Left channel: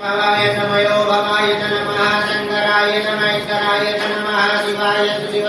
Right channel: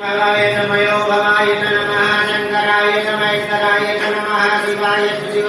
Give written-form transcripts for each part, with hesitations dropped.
महाय नमः योगमाय नमः शंकराय नमः ईश्वराय नमः शिवाय शिव।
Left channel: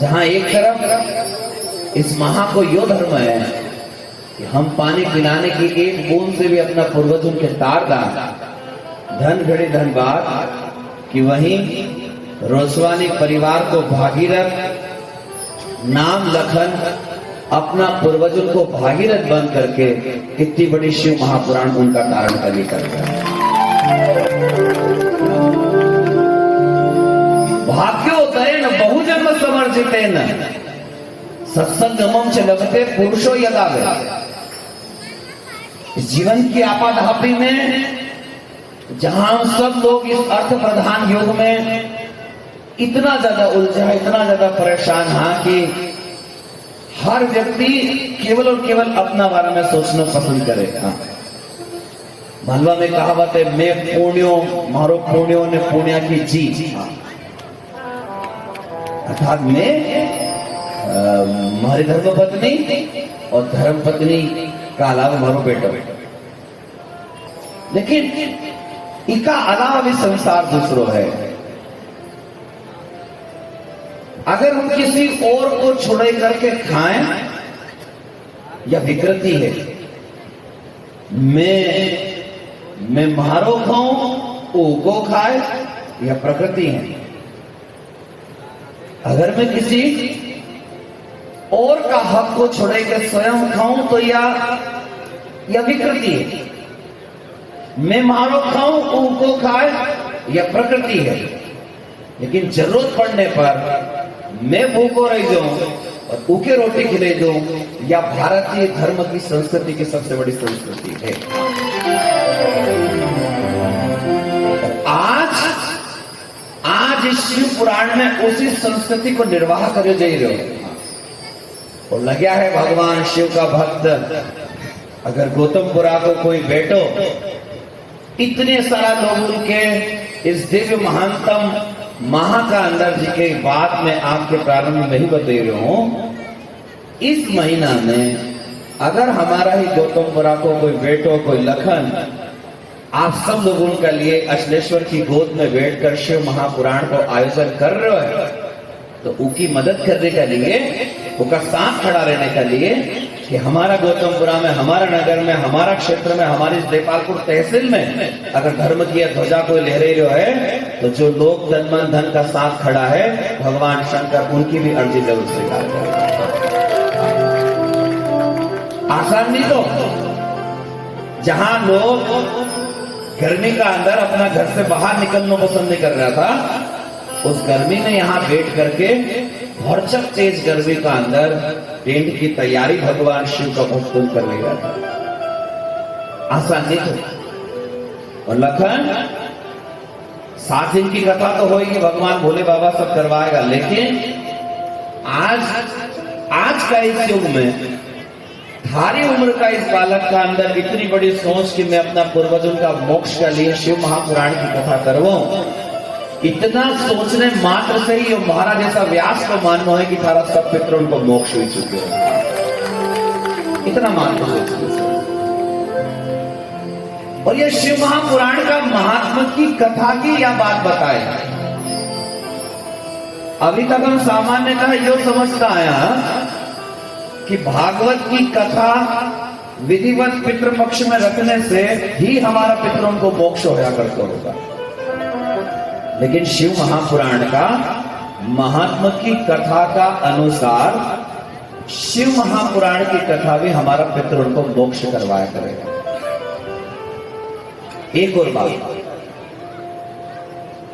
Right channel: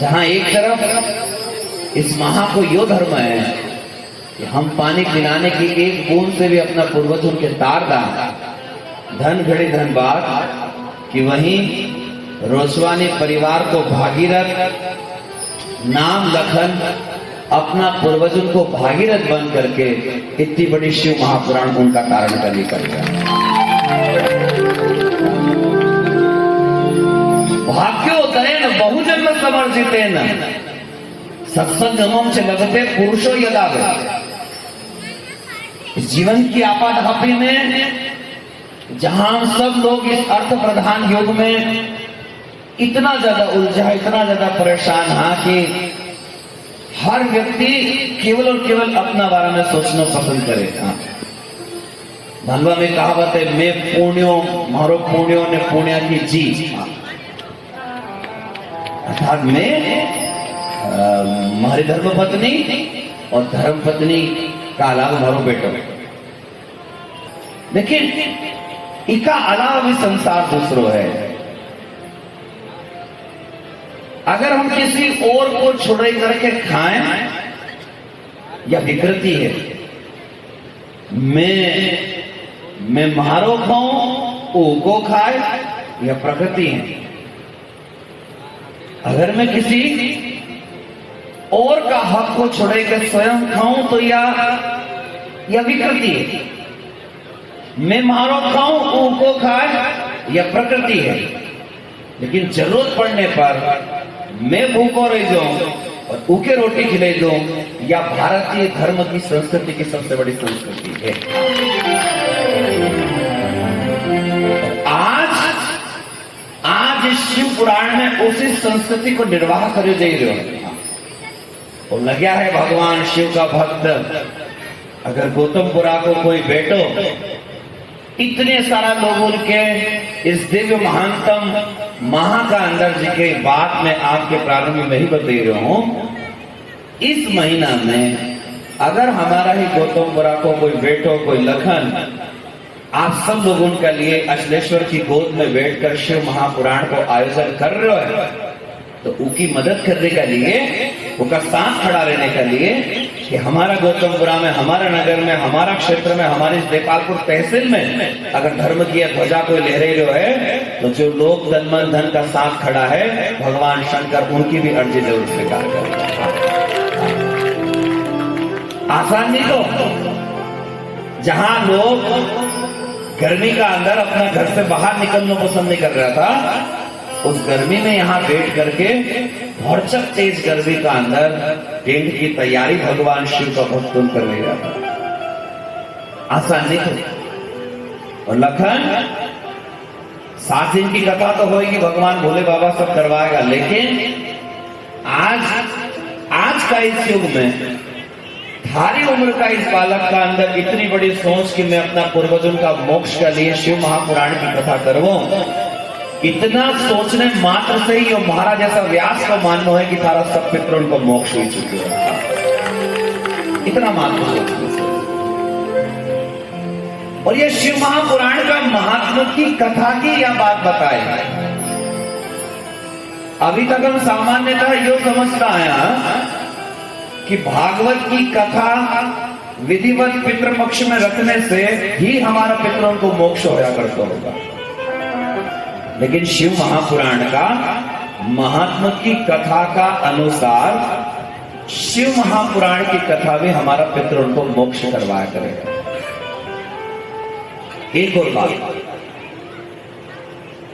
जहां एक तरफ इस महा को यो धर्म है कि हम पानी पिलाने की एक बूंद से भी अपना पूर्वजों के तार दा धन घड़ी धनबाद कि वहीं रोसवानी परिवार को भागीरथ नाम लखन अपना पूर्वजों को भागीरथ बन करके इतनी बड़ी शिव महापुराण उनका कारण का निकल गया। भाग्योदयन बहुजन्म समर्जितेन सत्संगमों से लगते पुरुषो यदावे। इस जीवन की आपाधापी में जहां हम सब लोग इस अर्थ प्रधान युग में इतना ज्यादा उलझा, इतना ज्यादा परेशान है कि हर व्यक्ति केवल और केवल अपना बारे में सोचना पसंद करेगा। भलवा में कहावत है, मैं पुण्यो मारो पुण्यो ने पुण्य की जी, अर्थात मैं हमारी धर्म पत्नी और धर्म पत्नी का अलावा मारो बेटो। लेकिन इका अलावा भी संसार दूसरो है। अगर हम किसी और को छोड़े करके खाएं या विकृति है, मैं मारो खाऊं वो खाए या प्रकृति है। अगर मैं किसी और का हक को छोड़े कर स्वयं खाऊं तो या विकृति है। मैं मारो खाऊं उनको खाए या प्रकृति है। लेकिन जरूरत पड़ने पर मैं भूखो रह जाऊं और उके रोटी खिले दूं, या भारतीय धर्म की संस्कृति की सबसे बड़ी संस्कृति है। आज इस शिव पुराण में उसी संस्कृति को निर्वाह करे जा रहे हो। लग्या है भगवान शिव का भक्त। अगर गौतमपुरा को कोई बेटो इतने सारा लोगों के इस दिव्य महानतम महा का अंदर जी के बात में आपके प्रारंभ में ही बता रहा हूं। इस महीना में अगर हमारा ही गौतमपुरा को कोई बेटो, कोई लखन, आप सब लोगों के लिए अचलेश्वर की गोद में बैठकर शिव महापुराण को आयोजन कर रहे हो, तो उनकी मदद करने के लिए, उनका साथ खड़ा रहने के लिए कि हमारा गौतमपुरा में, हमारा नगर में, हमारा क्षेत्र में, हमारी देपालपुर तहसील में अगर धर्म की ध्वजा को लहरे रहे है, तो जो लोग तन मन धन का साथ खड़ा है, भगवान शंकर उनकी भी अर्जी जरूर स्वीकार करें। आसान नहीं तो जहां लोग गर्मी का अंदर अपना घर से बाहर निकलना पसंद नहीं कर रहा था, उस गर्मी में यहाँ बैठ करके भरचक तेज गर्मी का अंदर टेंट की तैयारी भगवान शिव का भक्त करने जाता। आसान नहीं था। और लखन 7 दिन की कथा तो होगी, भगवान भोले बाबा सब करवाएगा। लेकिन आज का इस युग में भारी उम्र का इस बालक का अंदर इतनी बड़ी सोच कि मैं अपना पूर्वजों का मोक्ष के लिए शिव महापुराण की कथा करवाऊं, इतना सोचने मात्र से ही महाराज जैसा व्यास को मानना है कि थारा सब पितरों को मोक्ष हो चुके हैं। इतना मात्र सोचने से। और ये शिव महापुराण का महात्मा की कथा की यह बात बताए। अभी तक हम सामान्यतः यो समझता आया कि भागवत की कथा विधिवत पितृपक्ष में रखने से ही हमारा पितरों को मोक्ष होया करता होगा। लेकिन शिव महापुराण का महात्मा की कथा का अनुसार शिव महापुराण की कथा भी हमारा पितरों को मोक्ष करवाया करेगा। एक और बात,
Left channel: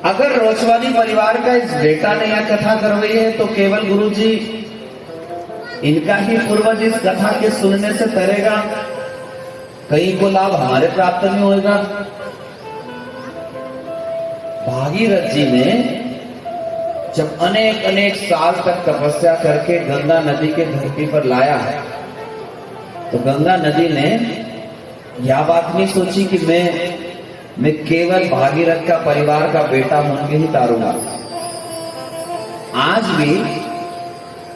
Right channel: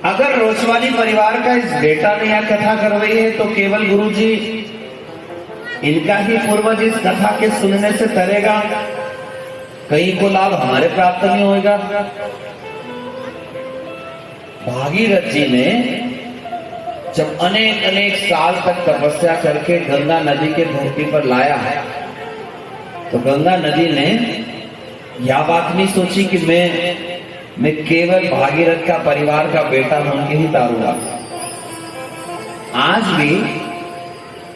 अगर रोचवानी परिवार का इस बेटा ने यह कथा करवाई है तो केवल गुरुजी इनका ही पूर्वज इस कथा के सुनने से तरेगा, कहीं को लाभ हमारे प्राप्त नहीं होगा। भागीरथ जी ने जब अनेक अनेक साल तक तपस्या करके गंगा नदी के धरती पर लाया है, तो गंगा नदी ने यह बात नहीं सोची कि मैं केवल भागीरथ का परिवार का बेटा होकर ही तारूंगा। आज भी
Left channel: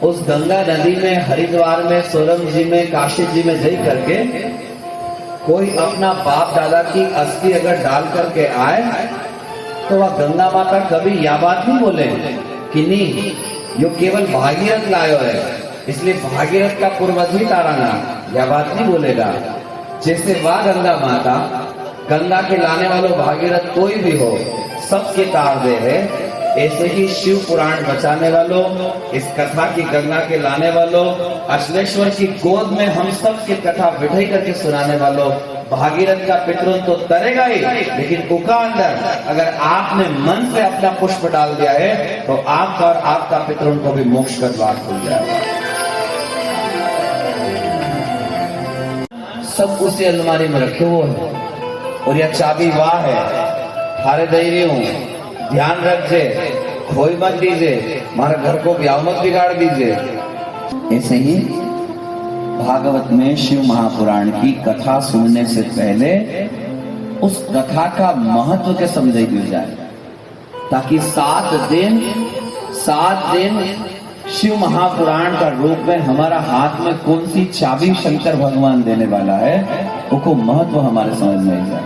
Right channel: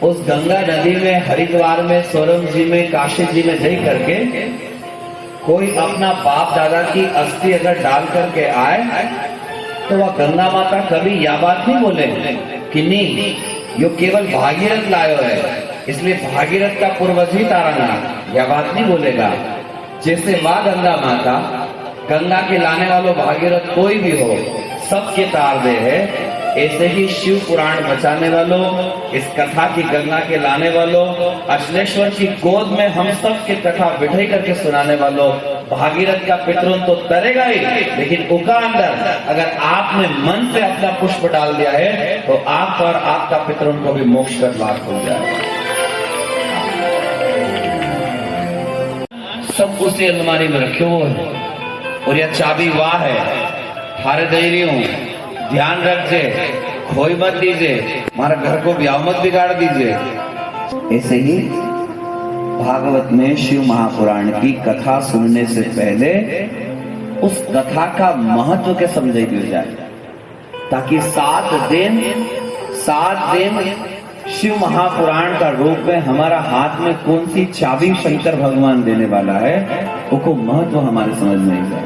उस गंगा नदी में, हरिद्वार में, सोरम जी में, काशी जी में जा करके कोई अपना बाप दादा की अस्थि अगर डाल करके आए तो वह गंगा माता कभी यह बात नहीं बोले कि नहीं यो केवल भागीरथ लायो है इसलिए भागीरथ का पूर्वज ही तारना, यह बात नहीं बोलेगा। जैसे वह गंगा माता गंगा के लाने वालों भागीरथ कोई भी हो सबके तार दे है, ऐसे ही शिव पुराण बचाने वालों, इस कथा की गंगा के लाने वालों, अचलेश्वर की गोद में हम सब की कथा बिठाई करके सुनाने वालों, भागीरथ का पितृन तो तरेगा ही, लेकिन उका अंदर अगर आपने मन से अपना पुष्प डाल दिया है तो आपका और आपका पितृन को भी मोक्ष का द्वार खुल जाएगा। सब उसी अलमारी में रखे हुए हैं और यह चाबी वाह है, थारे दे रही हूं, ध्यान रखिए, खोई मत दीजिए, हमारा घर को ब्याह मत बिगाड़ दीजिए। ऐसे ही भागवत में शिव महापुराण की कथा सुनने से पहले उस कथा का महत्व के समझाई दिया जाए, ताकि 7 दिन शिव महापुराण का रूप में हमारा हाथ में कौन सी चाबी शंकर भगवान देने वाला है, उसको महत्व हमारे समझ में नहीं आता।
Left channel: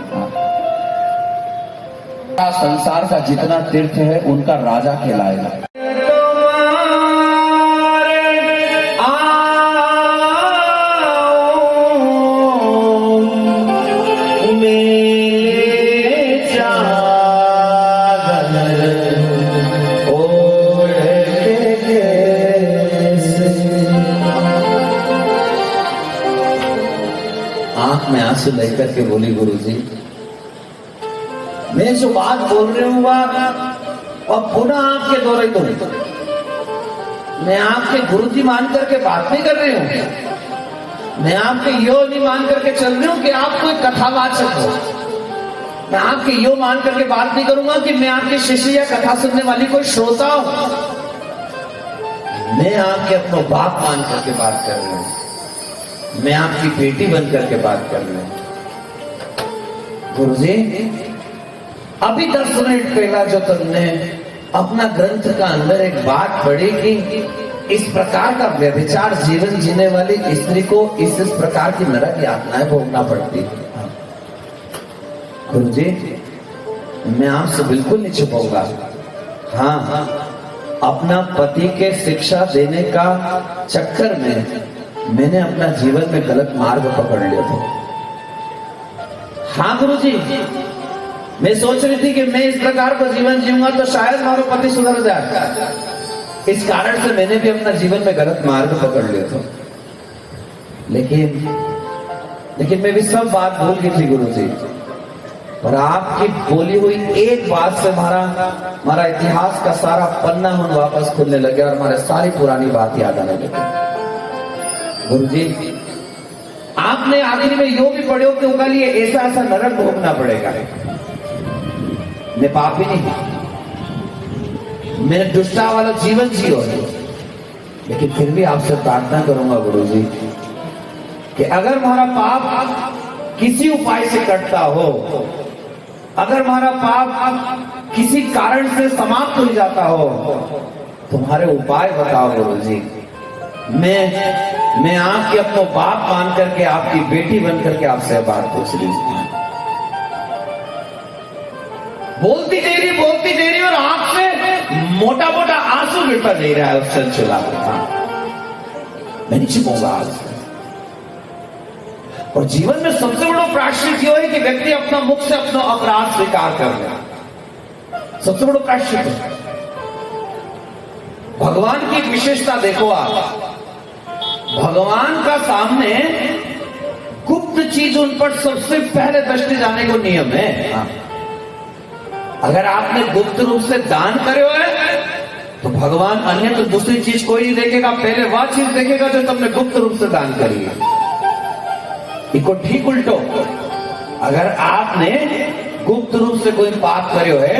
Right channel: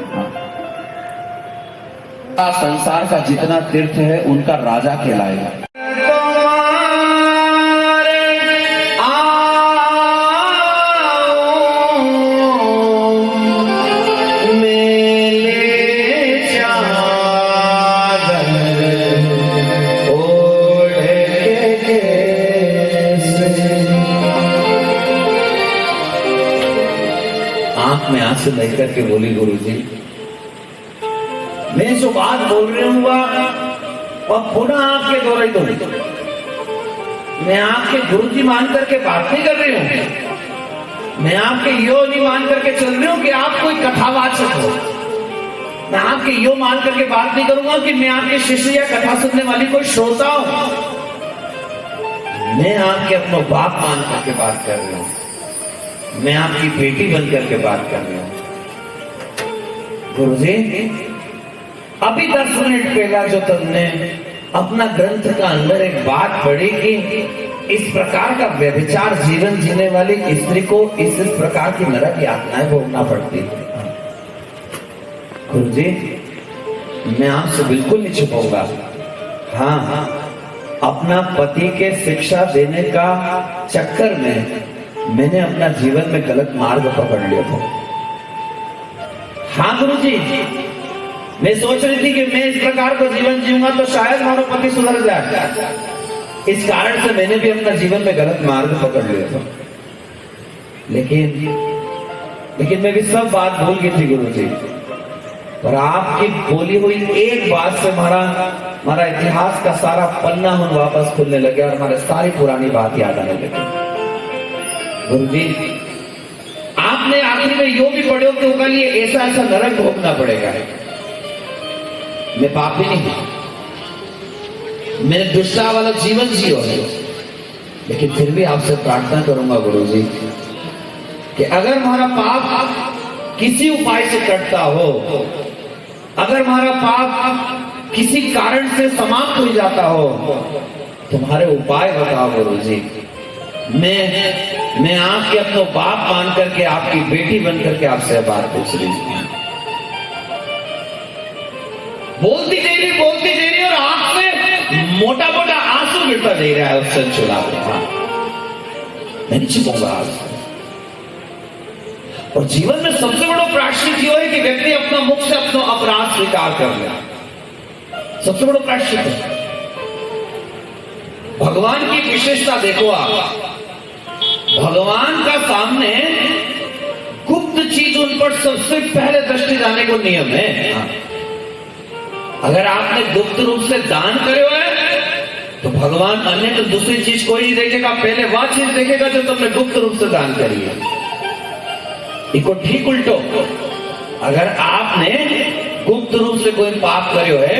संसार का जितना तीर्थ है उनका राजा कहलाएगा। आंख में आंसू लेकर के बोली, गुरुजी मैं जो बात बोल रही हूँ वह पुनः आपके दोहराई दूं। मैं आपके गुरुजी मान करके बात नहीं कर रही हूँ, मैं आपके यो नहीं मान करके चल रही हूँ कि आप कोई कथावाचक हो। मैं आपके यो मान करके बात नहीं करूंगा कि मैं आपके शिष्य या कथा सुनने वाली कोई श्रोता हूं। मैं आपके अपना बाप मान करके बात कर रही हूं, मैं आपकी बेटी बन करके बात कर रही हूं। गुरुजी अभी 10 मिनट पहला जो तुमने अपना ग्रंथ का अंदर एक बात पढ़ी कि इस प्रकार का व्यभिचार जीवन जीने वाली स्त्री को इस प्रकार की नरक यातनाएं भोगना पड़ती थी। गुरुजी मैं आपसे बिल्कुल नहीं छुपाऊंगा, हाँ अपना पति के शिक्षा देने का चक्कर में मैंने अपना जीवन में गलत मार्ग पकड़ लिया था। हाँ गुरुजी मैं सोच रही थी कि मैं इस प्रकार का जीवन जीऊंगा तो शायद हमारा पति सुधर जाए, इस कारण से मैंने भी अपना जीवन में गलत मार्ग पकड़ लिया था। लेकिन मैं भी सब बात भूल गई थी गुरुजी, और आपकी बोली हुई एक बात से हमारा इतिहास का सारा पन्ना हम वापस खुलने लगे और हमारे सारी पुरानी बात याद आने लगी। गुरुजी आपने आखिर में यो भी पढ़े हो कि उनके लिए ऐसा ऐसा नरक भोगना पड़ेगा। मैं पापी नहीं हूं, मैंने दुष्टा वाला जीवन जियो, लेकिन फिर भी आपसे प्रार्थना करूंगा गुरुजी कि अगर हमारा पाप किसी उपाय से कटता हो, अगर हमारा पाप किसी कारण से समाप्त हो जाता हो, तुम्हारे उपाय बताओ गुरुजी। मैं आपके अपना बाप मान करके, आपकी बेटी बन करके आपसे बात पूछ रही हूं। बोलती दे रही और आंख से मोटा मोटा आंसू गिरता दे रहा है उससे चुरा। मैं नहीं छिपाऊंगा आपसे। और जीवन में सबसे बड़ा प्रायश्चित यह है कि व्यक्ति अपना मुख से अपना अपराध स्वीकार कर ले, सबसे बड़ा प्रायश्चित है। भगवान की विशेषता देखो आप, भगवान का सामने गुप्त चीज उन पर सबसे पहले दृष्टि जाने को नियम है। अगर आपने गुप्त रूप से दान करे है तो भगवान अन्य तो दूसरी चीज कोई नहीं देखेगा, पहले वह चीज देखेगा जो तुमने गुप्त रूप से दान करी है। इसको ठीक उल्टो, अगर आपने गुप्त रूप से कोई पाप करे है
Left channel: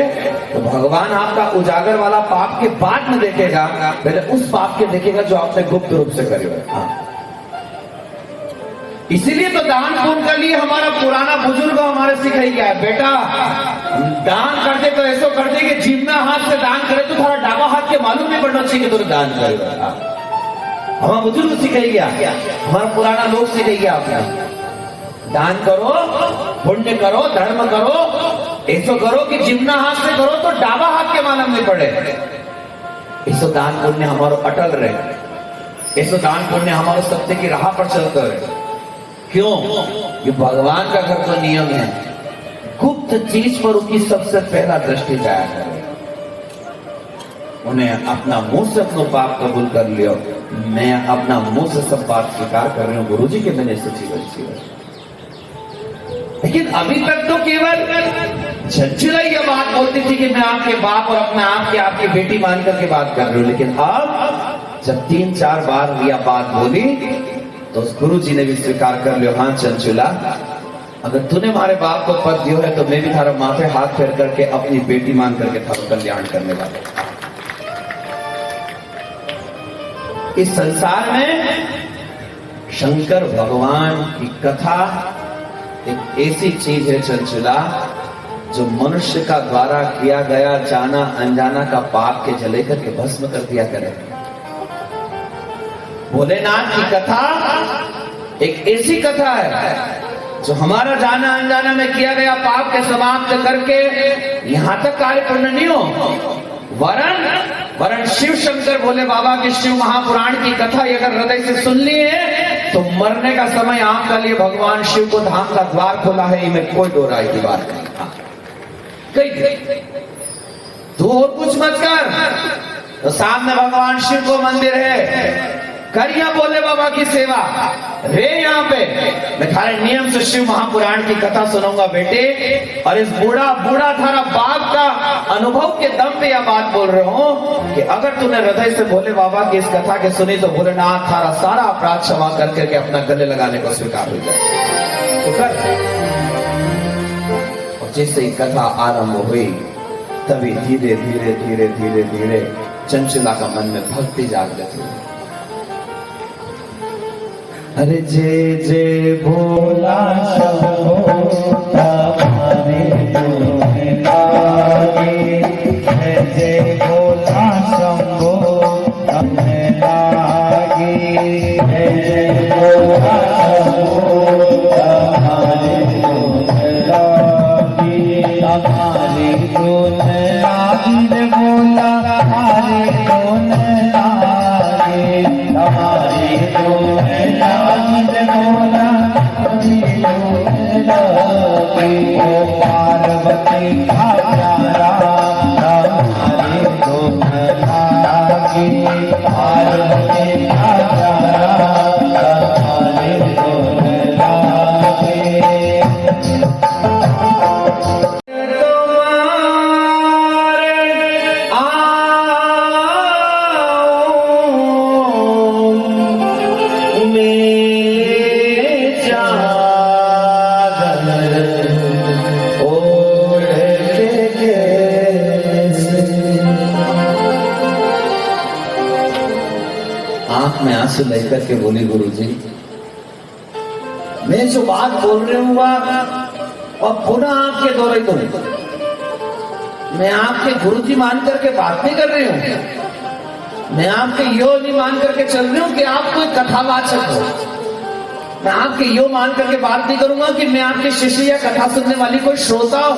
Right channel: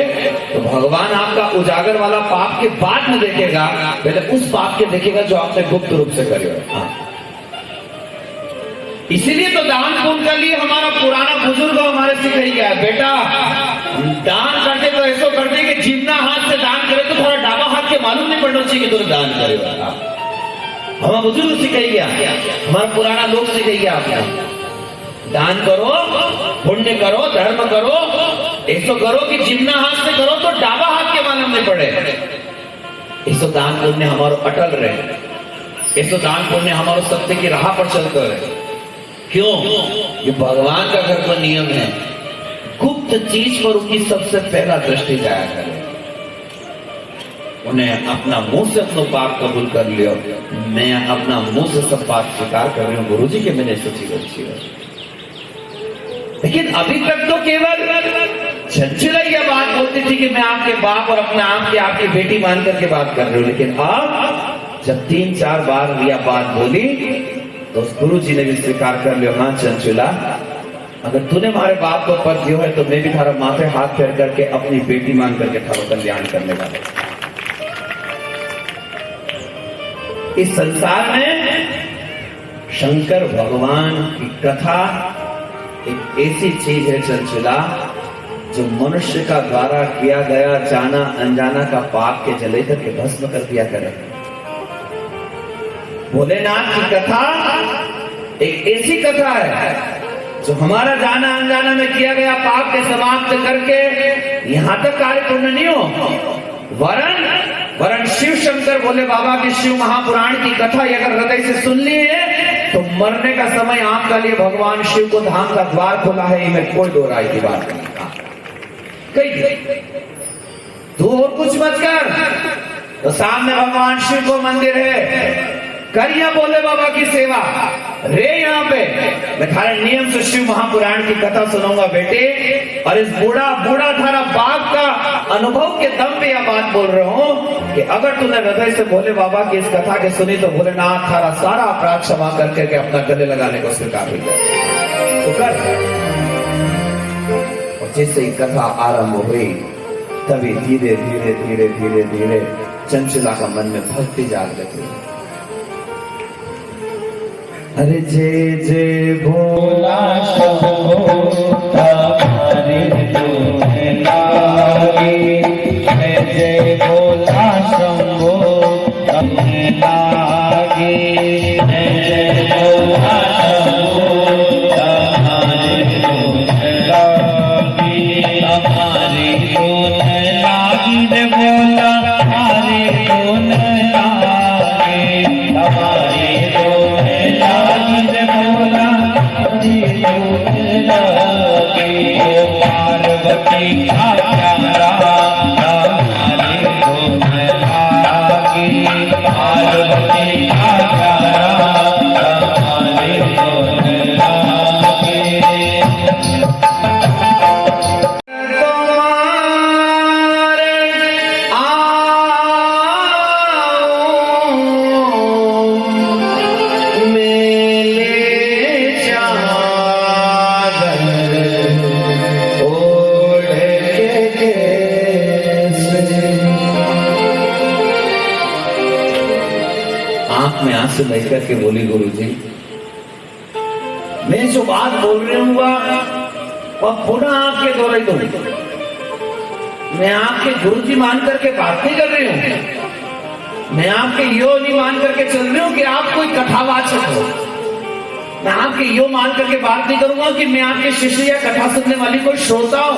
तो भगवान आपका उजागर वाला पाप के बाद में देखेगा, पहले उस पाप के देखेगा जो आपने गुप्त रूप से करे है। हाँ। इसीलिए तो दान पुण्य के लिए हमारा पुराना बुजुर्ग हमारे सिखाई गया है, बेटा दान करते तो ऐसा करते कि जितना हाथ से दान करे तो थोड़ा डाबा हाथ के मालूम नहीं पड़ना चाहिए कि तुम दान करेगा। हमारा बुजुर्ग सिखाई गया, हमारा पुराना लोग सिखाई गया, आपने दान करो, पुण्य करो, धर्म करो, ऐसा करो कि जितना हाथ से करो तो डाबा हाथ के मालूम नहीं पड़े। ऐसा दान पुण्य हमारा अटल रहे, ऐसा दान पुण्य हमारा सत्य की राह पर चलकर रहे। क्यों? ये भगवान का घर का नियम है, गुप्त चीज पर उनकी सबसे पहला दृष्टि जाया करे। उन्हें अपना मुंह से अपना पाप कबूल कर लियो, मैं अपना मुंह से सब बात स्वीकार कर रही हूँ गुरुजी के मैंने सच्ची अच्छी है। लेकिन अभी तक तो केवल चंचला यह बात बोलती थी कि मैं आपके बाप और अपना आपकी बेटी मान करके बात कर रही हूँ, लेकिन अब जब 3-4 बार यह बात बोली तो गुरु जी ने भी स्वीकार कर लिया, हाँ चंचला अगर तूने हमारे बाप को पद दियो है तो मैं भी थारा माथे हाथ फेर करके अपनी बेटी मान करके थारा कल्याण करने वाला। इस संसार में शंकर भगवान की कथा एक ऐसी चीज है चंचला जो मनुष्य का द्वारा किया गया जाना अनजाना का पाप के जले करके भस्म कर दिया करे। भोलेनाथ की कथा एक ऐसी कथा है जो हमारा जाना अनजाना में किया गया पाप के समाप्त करके यहां तक कार्य पूर्ण नहीं हो, वरन शिव शंकर भोले बाबा के शिव महापुराण की कथा अगर हृदय से सुन लिए तो मरने का समय आपके लिए भगवान शिव को धाम का द्वार खोला है, इनमें कोई दो राय की बात नहीं। तू और कुछ मत कर, तो सामने भगवान शिव को मंदिर है, करिए भोले बाबा की सेवा रे। यहाँ पे मैं थारे नियम से शिव महापुराण की कथा सुनूंगा बेटे, और इस बूढ़ा थारा बाप का अनुभव के दम पे यह बात बोल रहा हूँ कि अगर तूने हृदय से भोले बाबा की इस कथा के सुनी तो भोलेनाथ थारा सारा अपराध क्षमा करके अपना गले लगाने को स्वीकार हो जाए। तो कर। और जैसे ही कथा आरंभ हुई तभी धीरे धीरे धीरे धीरे धीरे चंचला का मन में भक्ति जाग गई। अरे जय जय भोला शंभो हमारे दूध लागे, जय जय भोला शंभो हमें लागे, जय जय भोला शंभो हमारे दूध लागे, हमारे दूध लागी रे भोला हमारे दूध लागे, हमारे दूध पार्वती का प्यारा हमारे दूध लागे, पार्वती का प्यारा हमारे दूध लागे। आंसू लेकर के बोली गुरुजी मैं जो बात बोल रही हूँ वह पुनः आपके दोहराई दूं। मैं आपके गुरुजी मान करके बात नहीं कर रही हूँ, मैं आपके यो नहीं मान करके चल रही हूँ कि आप कोई कथावाचक हो। मैं आपके यो मान करके बात नहीं करूंगा कि मैं आपके शिष्य या कथा सुनने वाली कोई श्रोता हूं।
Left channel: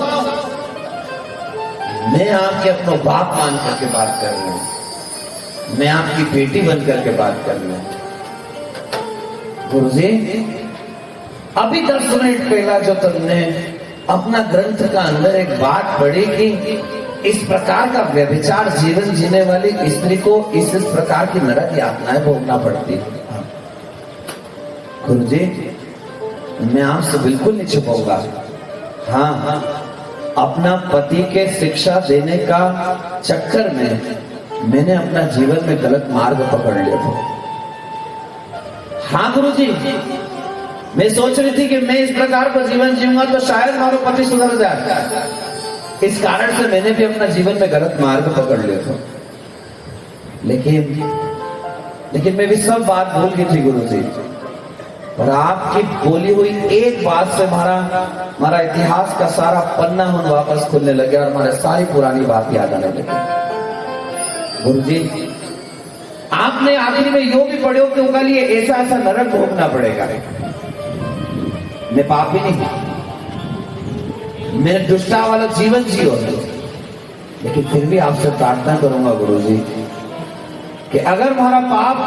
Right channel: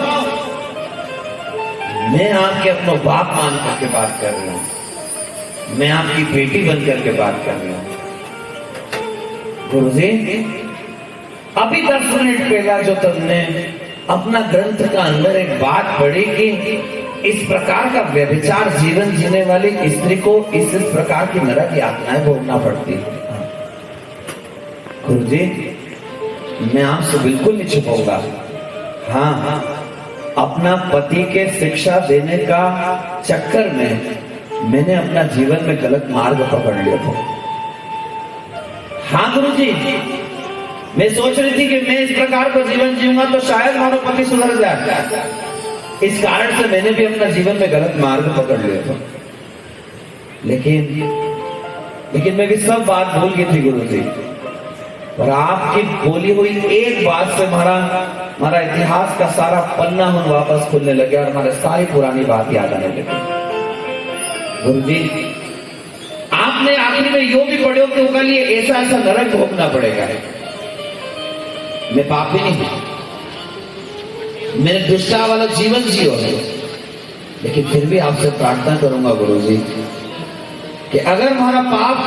मैं आपके अपना बाप मान करके बात कर रहा हूं, मैं आपकी बेटी बन करके बात कर रहा हूं। गुरुजी अभी 10 मिनट पहला जो तुमने अपना ग्रंथ का अंदर एक बात पढ़ी कि इस प्रकार का व्यभिचार जीवन जीने वाली स्त्री को इस प्रकार की नरक यातनाएं भोगना पड़ती है। गुरुजी मैं आपसे बिल्कुल नहीं छुपाऊंगा, हाँ अपना पति के शिक्षा देने का चक्कर में मैंने अपना जीवन में गलत मार्ग पकड़ लिया था। हाँ गुरुजी, मैं सोच रही थी कि मैं इस प्रकार का जीवन जीऊंगा तो शायद हमारा पति सुधर जाए। इस कारण से मैंने भी अपना जीवन में गलत मार्ग पकड़ लिया था। लेकिन मैं भी सब बात भूल गई थी गुरुजी, और आपकी बोली हुई एक बात से हमारा इतिहास का सारा पन्ना हम वापस खुलने लगे और हमारे सारी पुरानी बात याद आने लगी। गुरुजी, आपने आखिर में यो भी पढ़ो कि उनका लिए ऐसा ऐसा नरक भोगना पड़ेगा। मैं पापी नहीं हूं, मैं दुष्टा वाला जीवन जियो, लेकिन फिर भी आपसे प्रार्थना करूंगा गुरुजी कि अगर हमारा पाप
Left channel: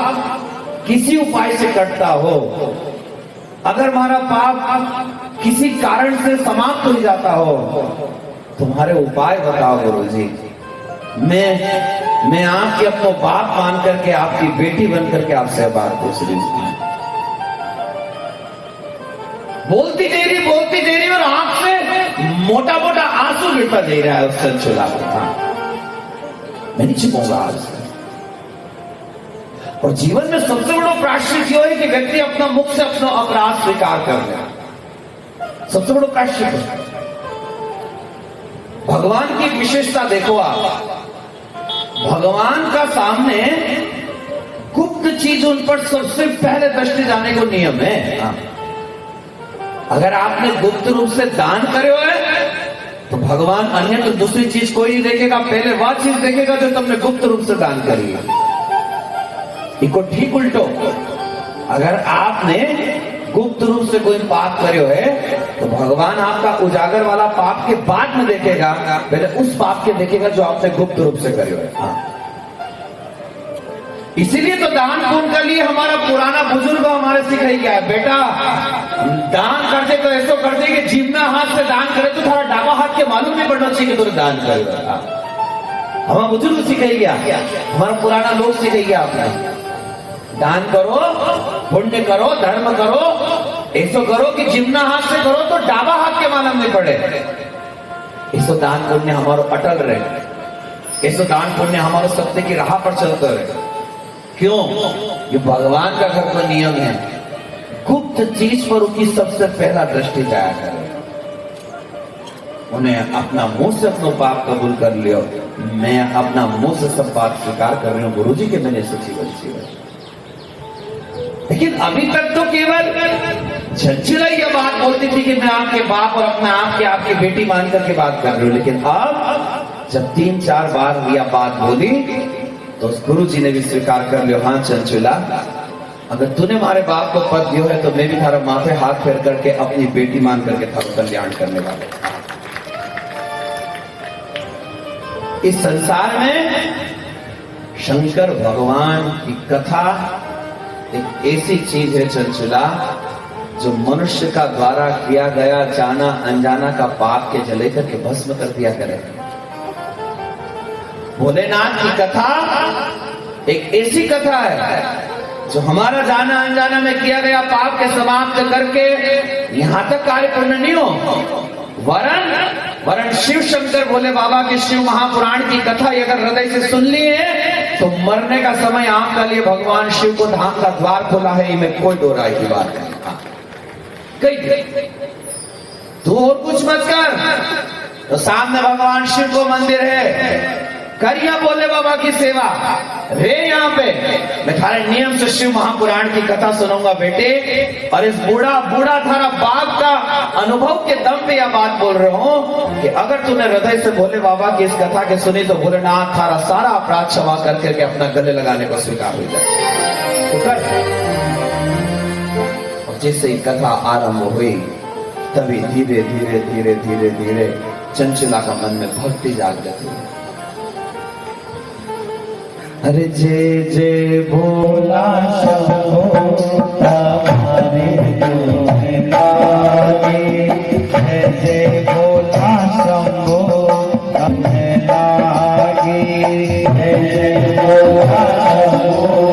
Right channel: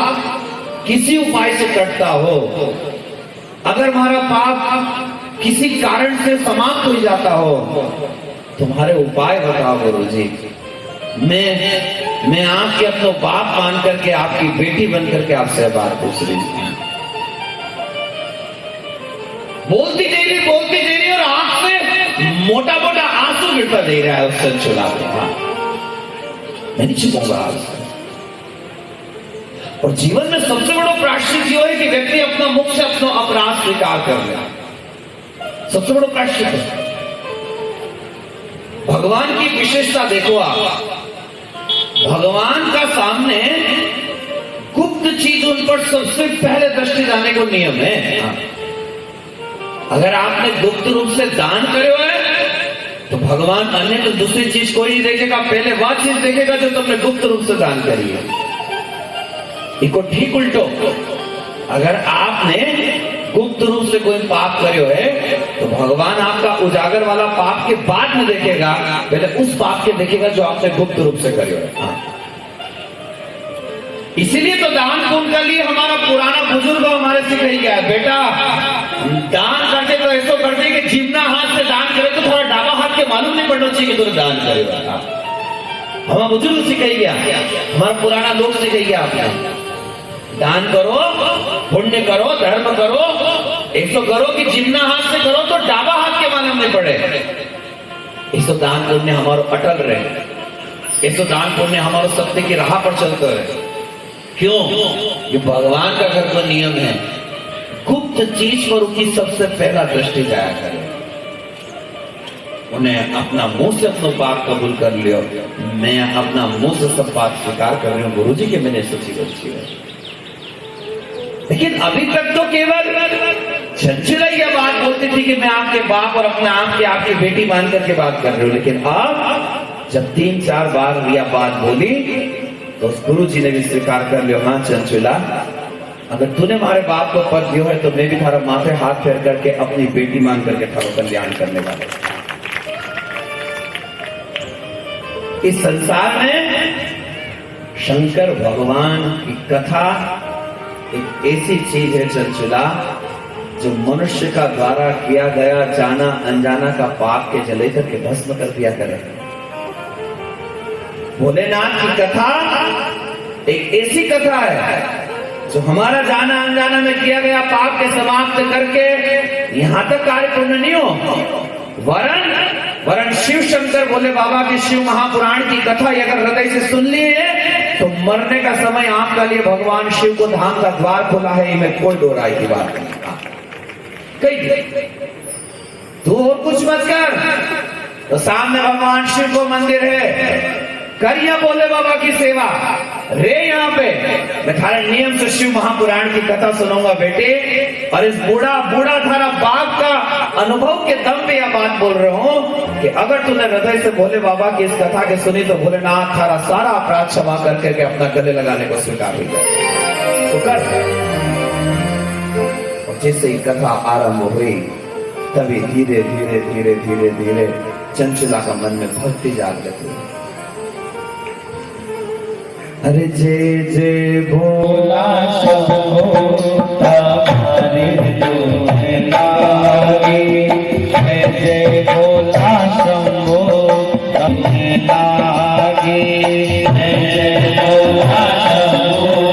किसी उपाय से कटता हो, अगर हमारा पाप किसी कारण से समाप्त हो जाता हो, तुम्हारे उपाय बताओ गुरुजी। मैं आपके अपना बाप मान करके, आपकी बेटी बन करके आपसे बात पूछ रही हूं। बोलती दे रही और आंख से मोटा मोटा आंसू गिरता दे रहा है उस चंचुला को। मैं नहीं छिपाऊंगा आज। और जीवन में सबसे बड़ा प्रायश्चित यह है कि व्यक्ति अपना मुख से अपना अपराध स्वीकार कर ले। सबसे बड़ा प्रायश्चित है। भगवान की विशेषता देखो आप, भगवान का सामने गुप्त चीज उन पर सबसे पहले दृष्टि जाने को नियम है। अगर आपने गुप्त रूप से दान करे हुए तो भगवान अन्य तो दूसरी चीज कोई नहीं देखेगा, पहले वह चीज देखेगा जो तुमने गुप्त रूप से दान करी है। इसको ठीक उल्टो, अगर आपने गुप्त रूप से कोई पाप करे हुए तो भगवान आपका उजागर वाला पाप के बाद में देखेगा, पहले उस पाप के देखेगा जो आपने गुप्त रूप से करे हुए। इसीलिए तो दान पुण्य के लिए हमारा पुराना बुजुर्ग हमारे सिखाई गया है, बेटा दान करते तो ऐसा करते कि जितना हाथ से दान करे तो थोड़ा डाबा हाथ के मालूम नहीं पड़ना चाहिए कि तुम दान करेगा। हमारा बुजुर्ग सिखाई गया, हमारा पुराना लोग सिखाई गया, आपने दान करो, पुण्य करो, धर्म करो, ऐसा करो कि जितना हाथ से करो तो डाबा हाथ के मालूम नहीं पड़े। ऐसा दान पुण्य हमारा अटल रहे, ऐसा दान पुण्य हमारा सत्य की राह पर चलता है। क्यों? ये भगवान का घर का नियम है, गुप्त चीज पर उनकी सबसे पहला दृष्टि जाया करे। उन्हें अपना मुंह से अपना पाप कबूल कर लियो। मैं अपना मुंह से सब पाप स्वीकार कर रही हूँ गुरुजी के मैंने सच्ची बच्ची है। लेकिन अभी तक तो केवल चंचला यह बात बोलती थी कि मैं आपके बाप और अपना आपकी बेटी मान करके बात कर रही हूँ, लेकिन अब जब 3-4 बार यह बात बोली तो गुरु जी ने भी स्वीकार कर लिया, हाँ चंचुला, अगर तूने हमारे बाप को पद दियो है तो मैं भी थारा माथे हाथ फेर करके अपनी बेटी मान करके थारा कल्याण करने वाला। इस संसार में शंकर भगवान की कथा एक ऐसी चीज है चंचुला, जो मनुष्य का द्वारा किया गया जाना अनजाना का पाप के जले करके भस्म कर दिया करे। भोलेनाथ की कथा एक ऐसी कथा है जो हमारा जाना अनजाना में किया गया पाप के समाप्त करके यहां तक कार्य पूर्ण नहीं हो, वरन शिव शंकर भोले बाबा के शिव महापुराण की कथा अगर हृदय से सुन ली है तो मरने का समय आपके लिए भगवान शिव को धाम का द्वार खोला है, इनमें कोई दो राय की बात नहीं। तू और कुछ मत कर, तो सामने भगवान शिव को मंदिर है, करिए भोले बाबा की सेवा रे। यहाँ पे मैं थारे नियम से शिव महापुराण की कथा सुनाऊंगा बेटे, और इस बूढ़ा थारा बाप का अनुभव के दम पे यह बात बोल रहा हूँ कि अगर तूने हृदय से भोले बाबा की इस कथा के सुनी तो भोलेनाथ थारा सारा अपराध क्षमा करके अपना गले लगाने को स्वीकार हो जाए तो कर। और जैसे ही कथा आरंभ हुई तभी धीरे धीरे धीरे धीरे धीरे चंचला का मन में भक्ति जागृत हुई। अरे जय जय भोला शंभो हमारे तुम्हें लागे, जय जय भोला शंभो हमें लागे, जय जय भोला शंभो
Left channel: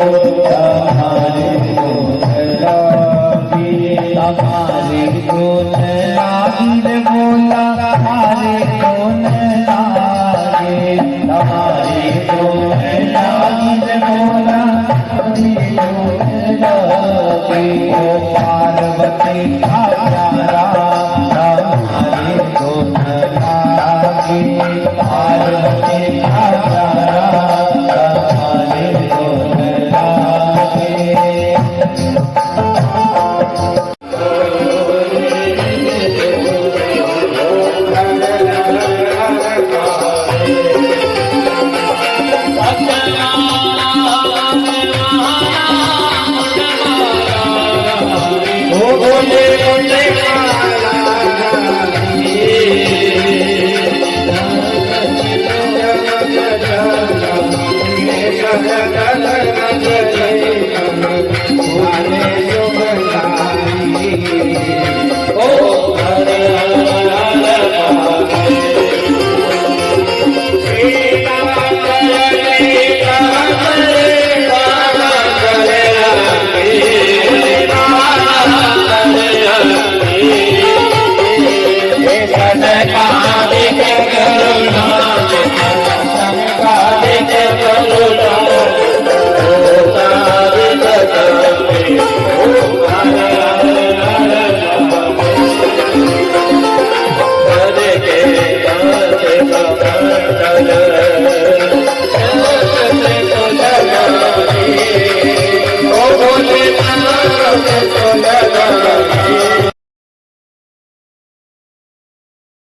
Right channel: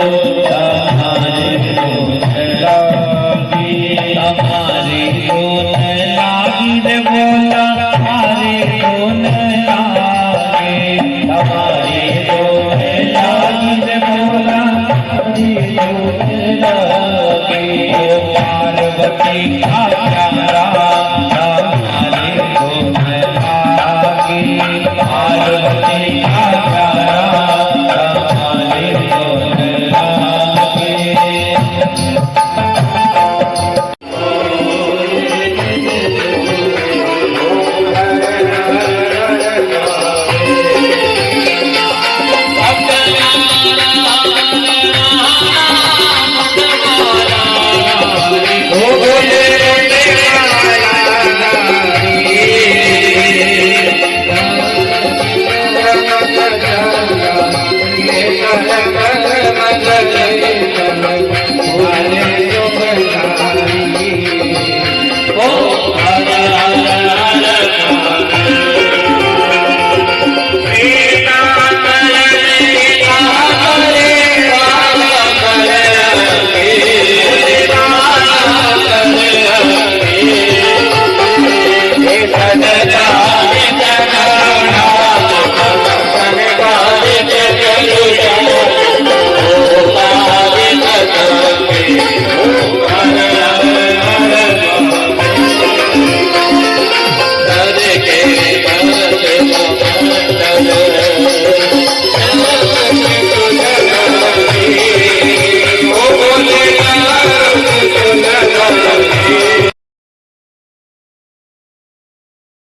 हमारे तुम्हें लागे, हमारी तुम्हें लागी रे भोला, हमारे सदा